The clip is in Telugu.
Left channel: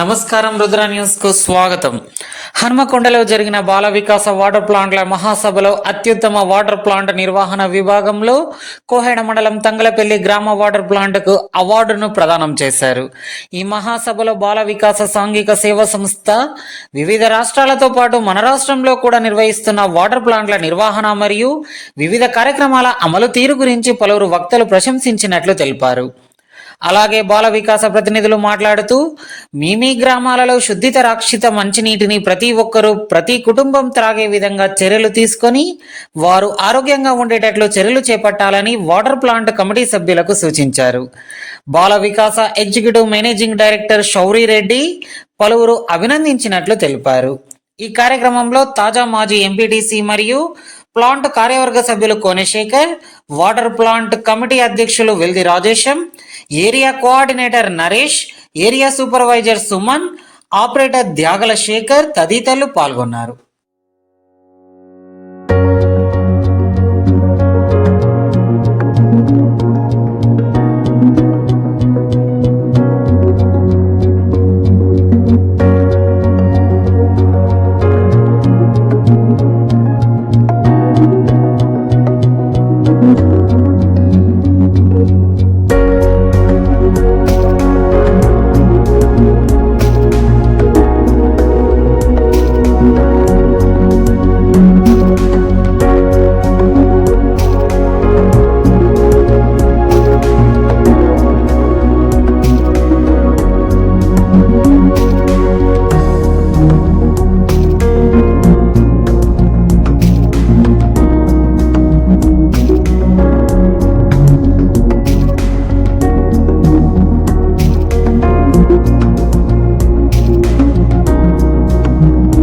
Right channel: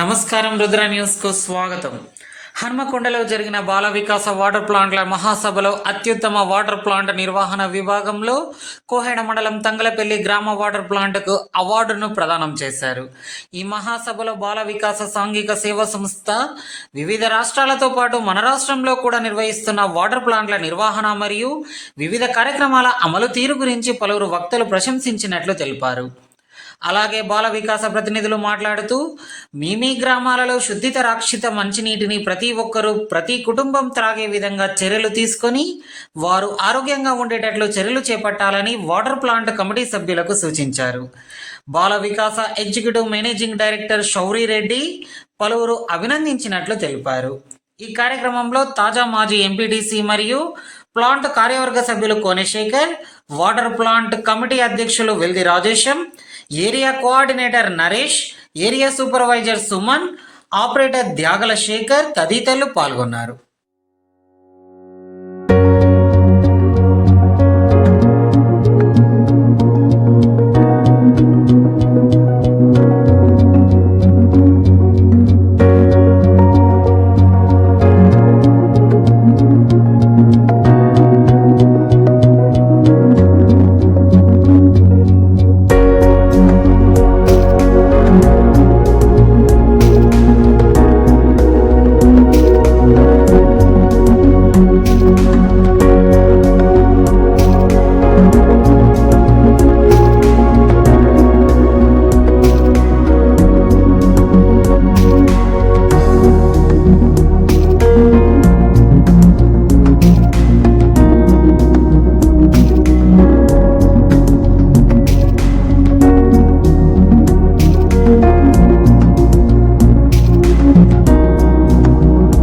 నమస్కారం, రుద్ర న్యూస్ కు స్వాగతం. హన్మకొండలో జరిగిన బాల వికాస వాటర్ ప్లాంట్ల మహాసభలో అత్యుత్తమ వాటర్ ప్లాంట్ నిర్వహణ విభాగంలో కోహెడ మండలం తంగలపల్లి గ్రామ వాటర్ ప్లాంట్ కు అవార్డును ప్రదానం చేశారు. ఈ మహాసభలో బాల వికాస సాంఘిక సేవా సంస్థ వివిధ రాష్ట్రాలతో పాటు మన రాష్ట్రంలో కూడా నిర్వహిస్తున్న వాటర్ ప్లాంట్ల నిర్వహణ మరియు వివిధ కార్యక్రమాల అమలు తీరు గురించి పలువురు వక్తలు ప్రశంసించినట్లు తెలిపారు. అలాగే బాల వికాస ప్రతినిధులు మాట్లాడుతూ మీ గ్రామాలలో శుద్ధిత రక్షిత మంచినీటిని ప్రతి ఒక్కరూ ప్రతి కుటుంబం త్రాగే విధంగా చర్యలు తీసుకొని వారు ఆరోగ్యంగా ఉండేటట్లు చర్యలు చేపట్టాలని వాటర్ ప్లాంట్ కమిటీ సభ్యులకు సూచించారు. Bala Vikasa executive managing director Shouri Reddy పలువురు అభినందించినట్లు తెలిపారు. ఈ కార్యక్రమంలో తాజా మాజీ ఎంపీటీసీ మరియు ప్లాంట్ కార్యవర్గ సభ్యులు కోనశేఖర్, వాటర్ ప్లాంట్ కమిటీ అధ్యక్షులు Veldi Rajesham, area coordinator Naresh, area supervisor Suman, operator Tyagala Shekar తదితరులు పాల్గొన్నారు.